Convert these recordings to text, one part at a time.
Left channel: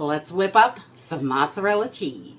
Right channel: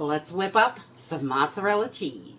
Let's whip up some mozzarella cheese.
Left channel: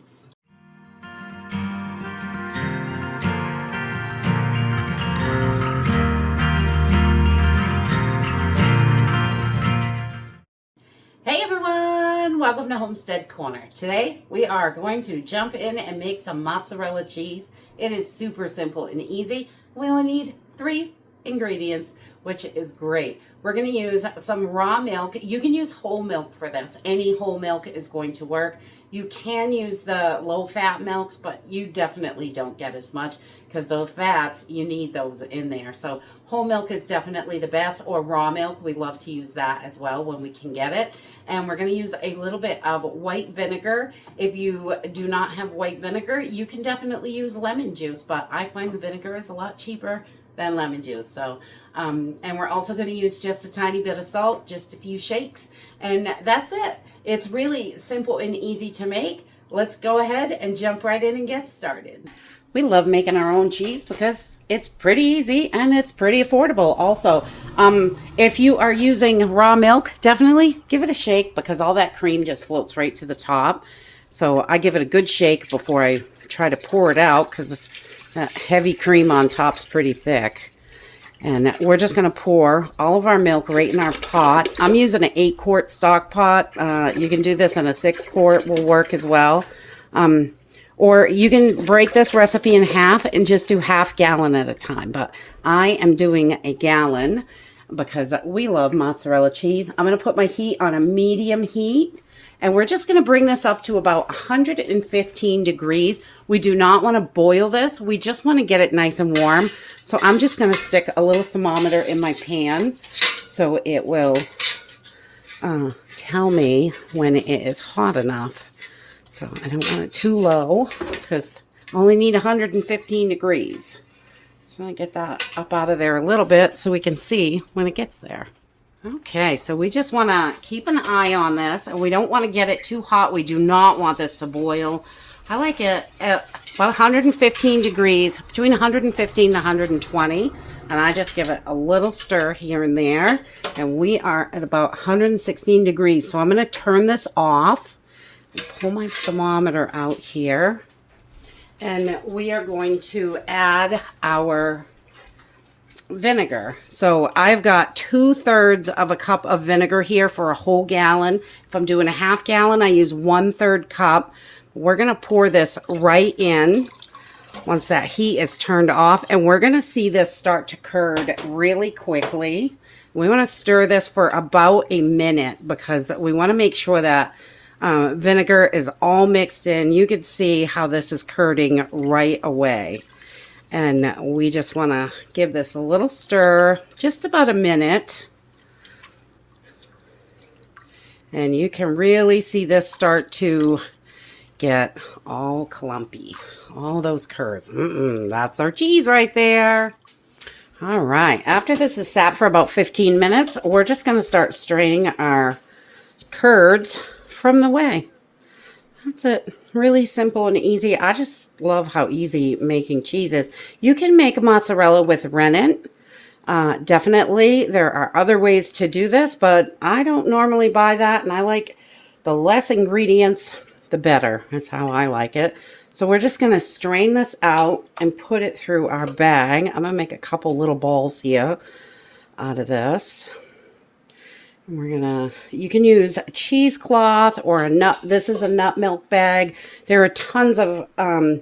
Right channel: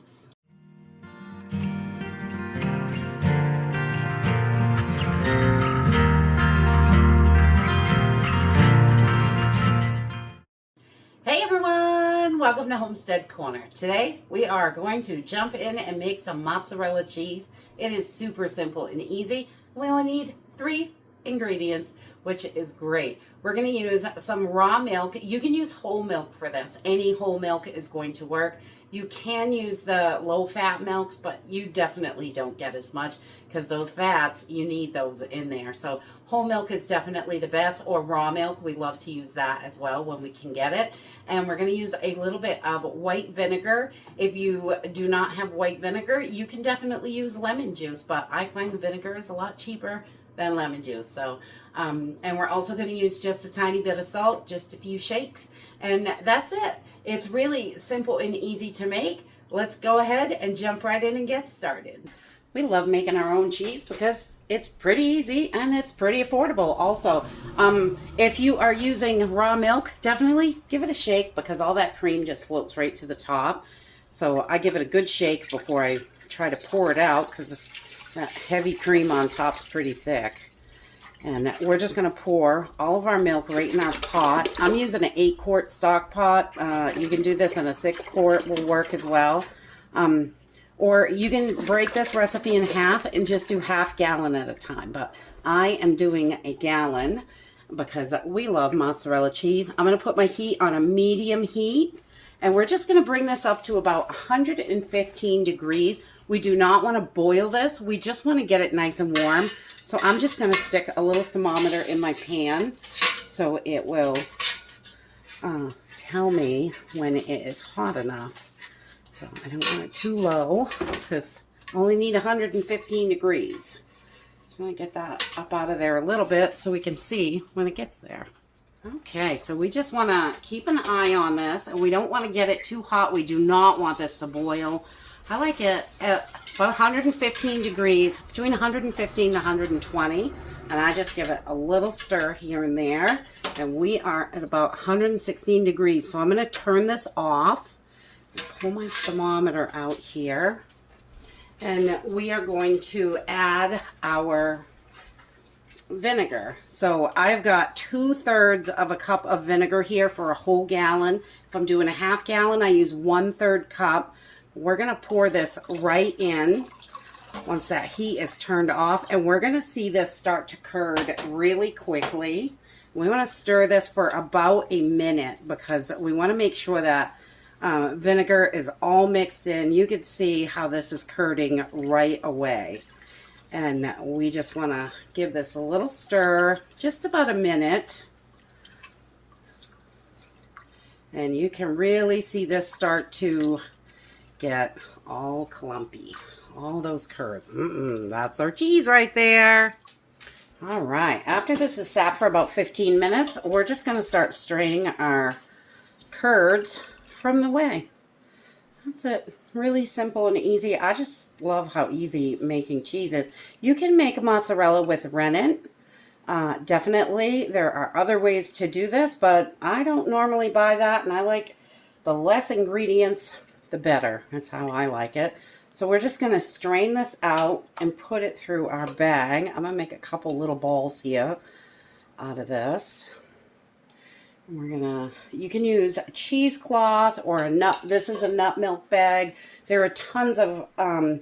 Hey everyone, welcome to Homestead Corner. Today we are going to jump in and make some mozzarella cheese. It is super simple and easy. We only need 3 ingredients, which is great. We're going to use some raw milk. You can use whole milk for this. Any whole milk is going to work. You can use the low-fat milks, but you definitely don't get as much because those fats, you need those in there. So whole milk is definitely the best, or raw milk. We love to use that as well when we can get it. And we're going to use a little bit of white vinegar. If you do not have white vinegar, you can definitely use lemon juice, but I find the vinegar is a lot cheaper than lemon juice. So, and we're also going to use just a tiny bit of salt, just a few shakes, and that's it. It's really simple and easy to make. Let's go ahead and jump right in and get started. We love making our own cheese because it's pretty easy and it's pretty affordable. Also, if you are using raw milk, definitely give it a shake because all that cream just floats right to the top. So I give it a good shake before I try to pour it out because that heavy cream on top is pretty thick. And we're just going to pour all of our milk right in our pot. I'm using an 8-quart stock pot. You can do this in a 6-quart, will work as well. Or you can break this recipe in half and just do half gallon at a time. But I am doing a gallon because we love mozzarella cheese. I'm going to put my heat on a medium heat. And we're just going to bring this up to about 115 degrees. We do not want to boil this. We just want to get it nice and warm. So I'm just going to stick a little thermometer in my pan so it will tell me when it is hot enough. So I don't want it too low because I only need 115 degrees. So I'm going to get that up out of there a little bit so we can see when it gets there. Okay, so we just want to keep an eye on this, and we don't want to get it too hot. We do not want this to boil. I like it at about 115 degrees, between 115 and 120, and I just give it a little stir here and there, and we are at about 116 degrees. So I'm going to turn this off, pull my thermometer out here, and we are going to add our vinegar. So I've got 2/3 of a cup of vinegar here for a whole gallon. If I'm doing a half gallon, I use 1/3 cup. We're going to pour this right in once that heat is turned off, and we're going to see this start to curd really quickly. We want to stir this for about a minute because we want to make sure that vinegar is all mixed in. You can see how this is curding right away. And we just want to give this a little stir, just about a minute. And you can really see this start to get all clumpy. All those curds. That's our cheese right there. All right. After this is sat for about 15 minutes, we're just going to start straining our curds from the whey. That's it. Really simple and easy. I just love how easy making cheese is. You can make mozzarella with rennet. Definitely, there are other ways to do this, but I don't normally buy that, and I like the less ingredients, the better. That's how I like it. So we're just going to strain this out and put it through our bag. I'm going to make a couple little balls here out of this. You can use a cheesecloth or a nut. This is a nut milk bag. There are tons of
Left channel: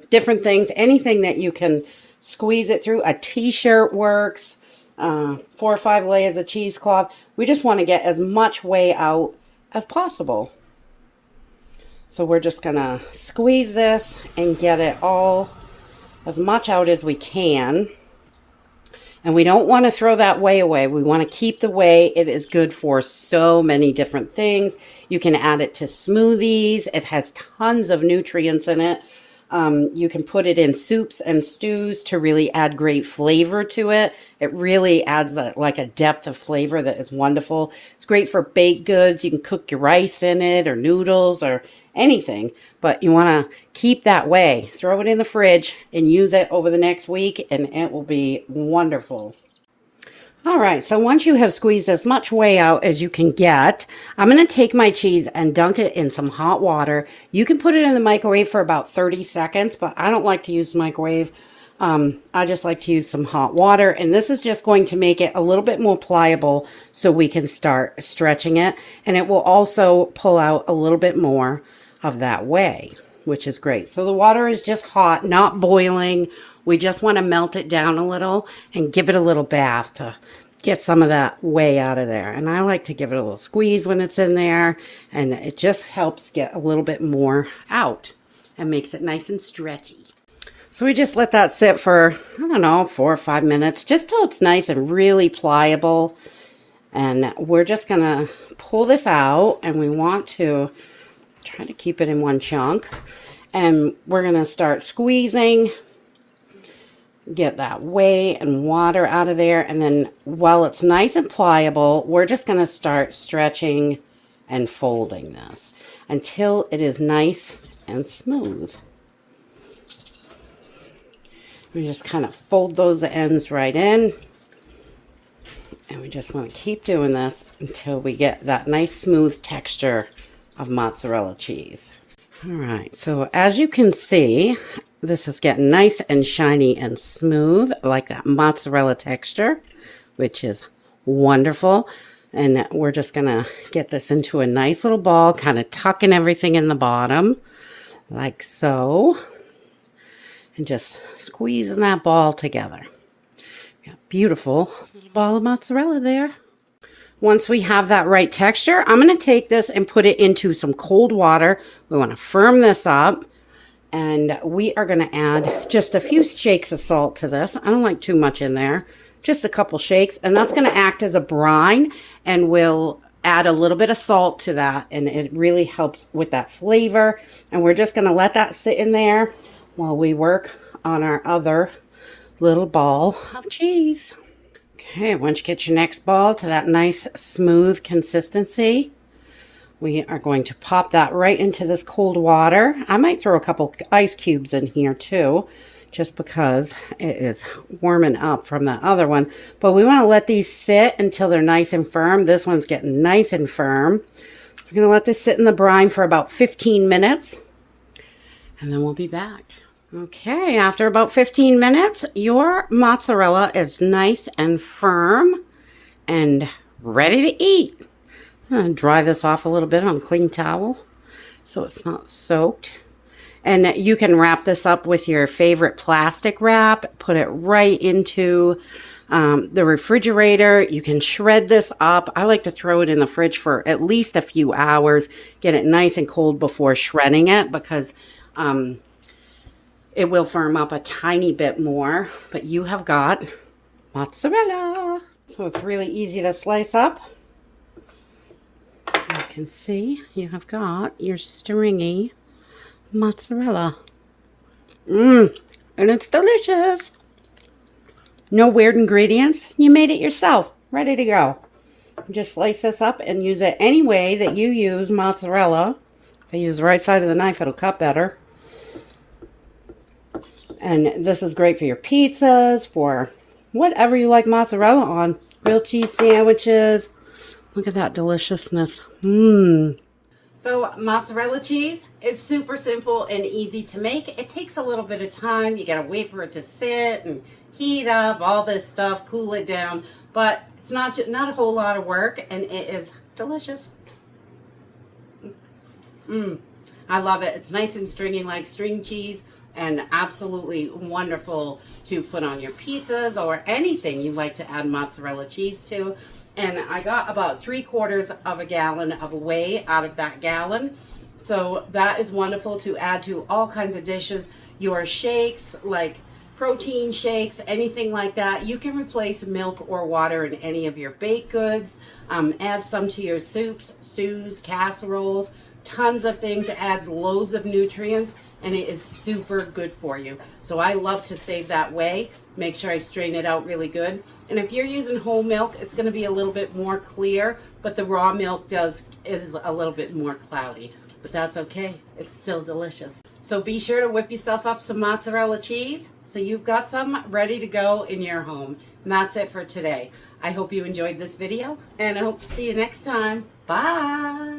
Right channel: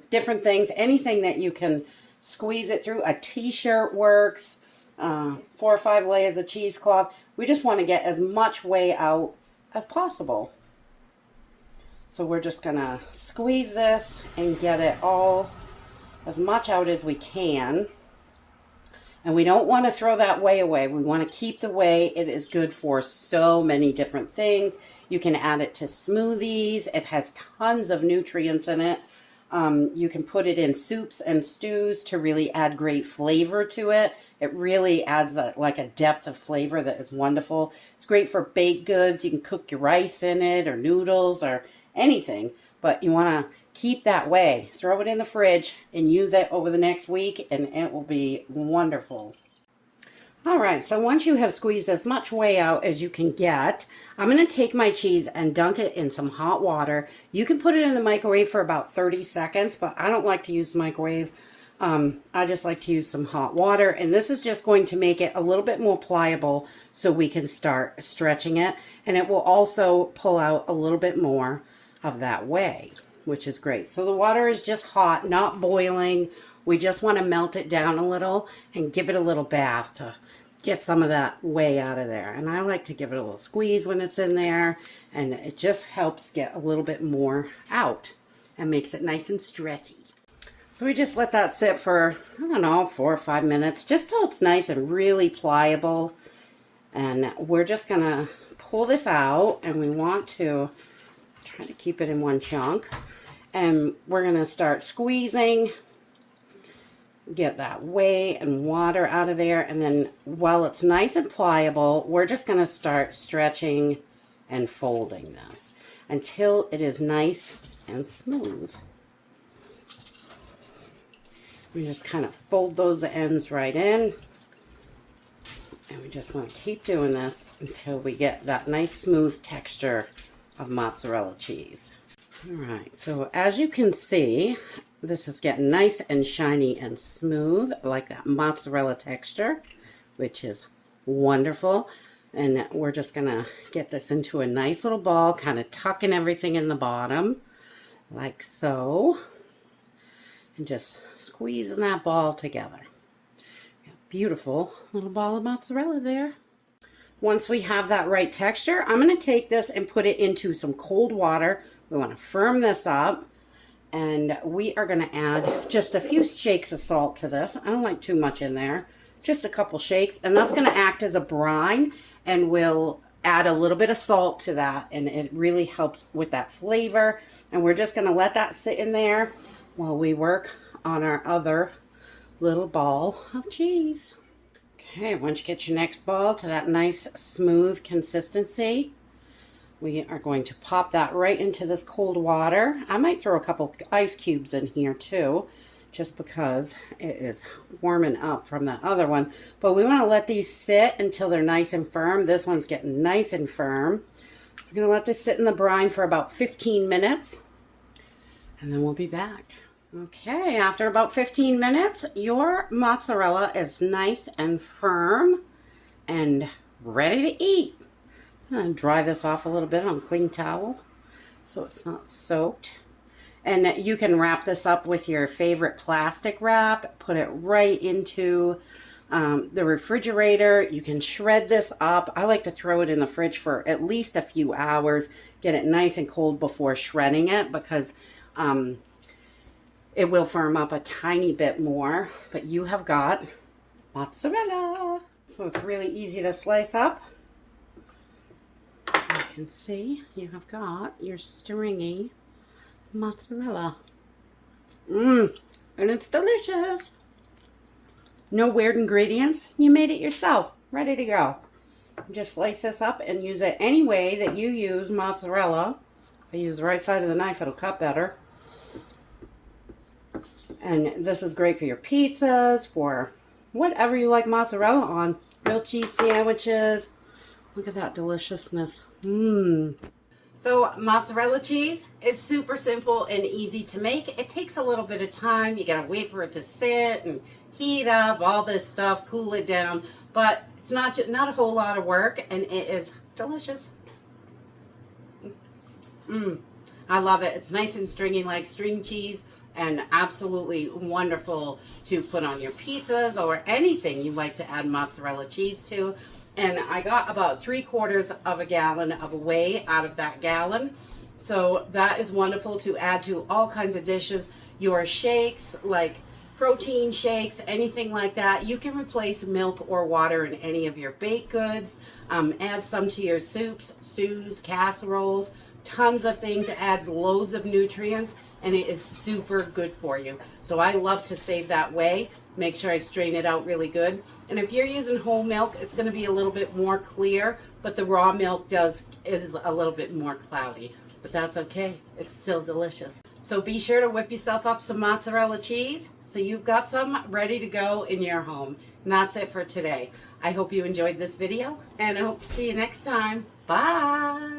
different things. Anything that you can squeeze it through. A t-shirt works. 4 or 5 layers of cheesecloth. We just want to get as much whey out as possible. So we're just going to squeeze this and get it all as much out as we can. And we don't want to throw that whey away. We want to keep the whey. It is good for so many different things. You can add it to smoothies. It has tons of nutrients in it. You can put it in soups and stews to really add great flavor to it. It really adds like a depth of flavor that is wonderful. It's great for baked goods. You can cook your rice in it or noodles or anything, but you want to keep that whey. Throw it in the fridge and use it over the next week, and it will be wonderful. All right, so once you have squeezed as much whey out as you can get, I'm going to take my cheese and dunk it in some hot water. You can put it in the microwave for about 30 seconds, but I don't like to use the microwave. I just like to use some hot water, and this is just going to make it a little bit more pliable so we can start stretching it, and it will also pull out a little bit more of that whey, which is great. So the water is just hot, not boiling. We just want to melt it down a little and give it a little bath to get some of that whey out of there. And I like to give it a little squeeze when it's in there, and it just helps get a little bit more out and makes it nice and stretchy. So we just let that sit for, I don't know, 4 or 5 minutes, just till it's nice and really pliable. And we're just going to pull this out, and we want to try to keep it in one chunk. And we're going to start squeezing, get that whey and water out of there. And then while it's nice and pliable, we're just going to start stretching and folding this until it is nice and smooth. We just kind of fold those ends right in. And we just want to keep doing this until we get that nice smooth texture of mozzarella cheese. All right, so as you can see, this is getting nice and shiny and smooth, like that mozzarella texture, which is wonderful. And we're just gonna get this into a nice little ball, kind of tucking everything in the bottom, like so. And just squeezing that ball together. Got a beautiful little ball of mozzarella there. Once we have that right texture, I'm going to take this and put it into some cold water. We want to firm this up, and we are going to add just a few shakes of salt to this. I don't like too much in there, just a couple shakes, and that's going to act as a brine, and we'll add a little bit of salt to that, and it really helps with that flavor. And we're just going to let that sit in there while we work on our other little ball of cheese. Okay, once you get your next ball to that nice smooth consistency, we are going to pop that right into this cold water. I might throw a couple ice cubes in here too, just because it is warming up from that other one. But we want to let these sit until they're nice and firm. This one's getting nice and firm. We're going to let this sit in the brine for about 15 minutes, and then we'll be back. Okay, after about 15 minutes, your mozzarella is nice and firm and ready to eat. I'm going to dry this off a little bit on a clean towel so it's not soaked. And you can wrap this up with your favorite plastic wrap, put it right into the refrigerator. You can shred this up. I like to throw it in the fridge for at least a few hours, get it nice and cold before shredding it, because it will firm up a tiny bit more, but you have got mozzarella. So it's really easy to slice up. You can see you have got your stringy mozzarella. And it's delicious. No weird ingredients. You made it yourself. Ready to go. Just slice this up and use it any way that you use mozzarella. If I use the right side of the knife, it'll cut better. And this is great for your pizzas, for whatever you like mozzarella on. Grilled cheese sandwiches. Look at that deliciousness. So mozzarella cheese is super simple and easy to make. It takes a little bit of time. You gotta wait for it to sit and heat up, all this stuff, cool it down. But it's not a whole lot of work, and it is delicious. I love it. It's nice and stringy like string cheese, and absolutely wonderful to put on your pizzas or anything you like to add mozzarella cheese to. And I got about 3/4 of a gallon of whey out of that gallon. So that is wonderful to add to all kinds of dishes. Your shakes, like protein shakes, anything like that. You can replace milk or water in any of your baked goods. Add some to your soups, stews, casseroles, tons of things. It adds loads of nutrients, and it is super good for you. So I love to save that whey. Make sure I strain it out really good. And if you're using whole milk, it's going to be a little bit more clear, but the raw milk is a little bit more cloudy. But that's okay. It's still delicious. So be sure to whip yourself up some mozzarella cheese so you've got some ready to go in your home. And that's it for today. I hope you enjoyed this video, and I hope to see you next time. Bye!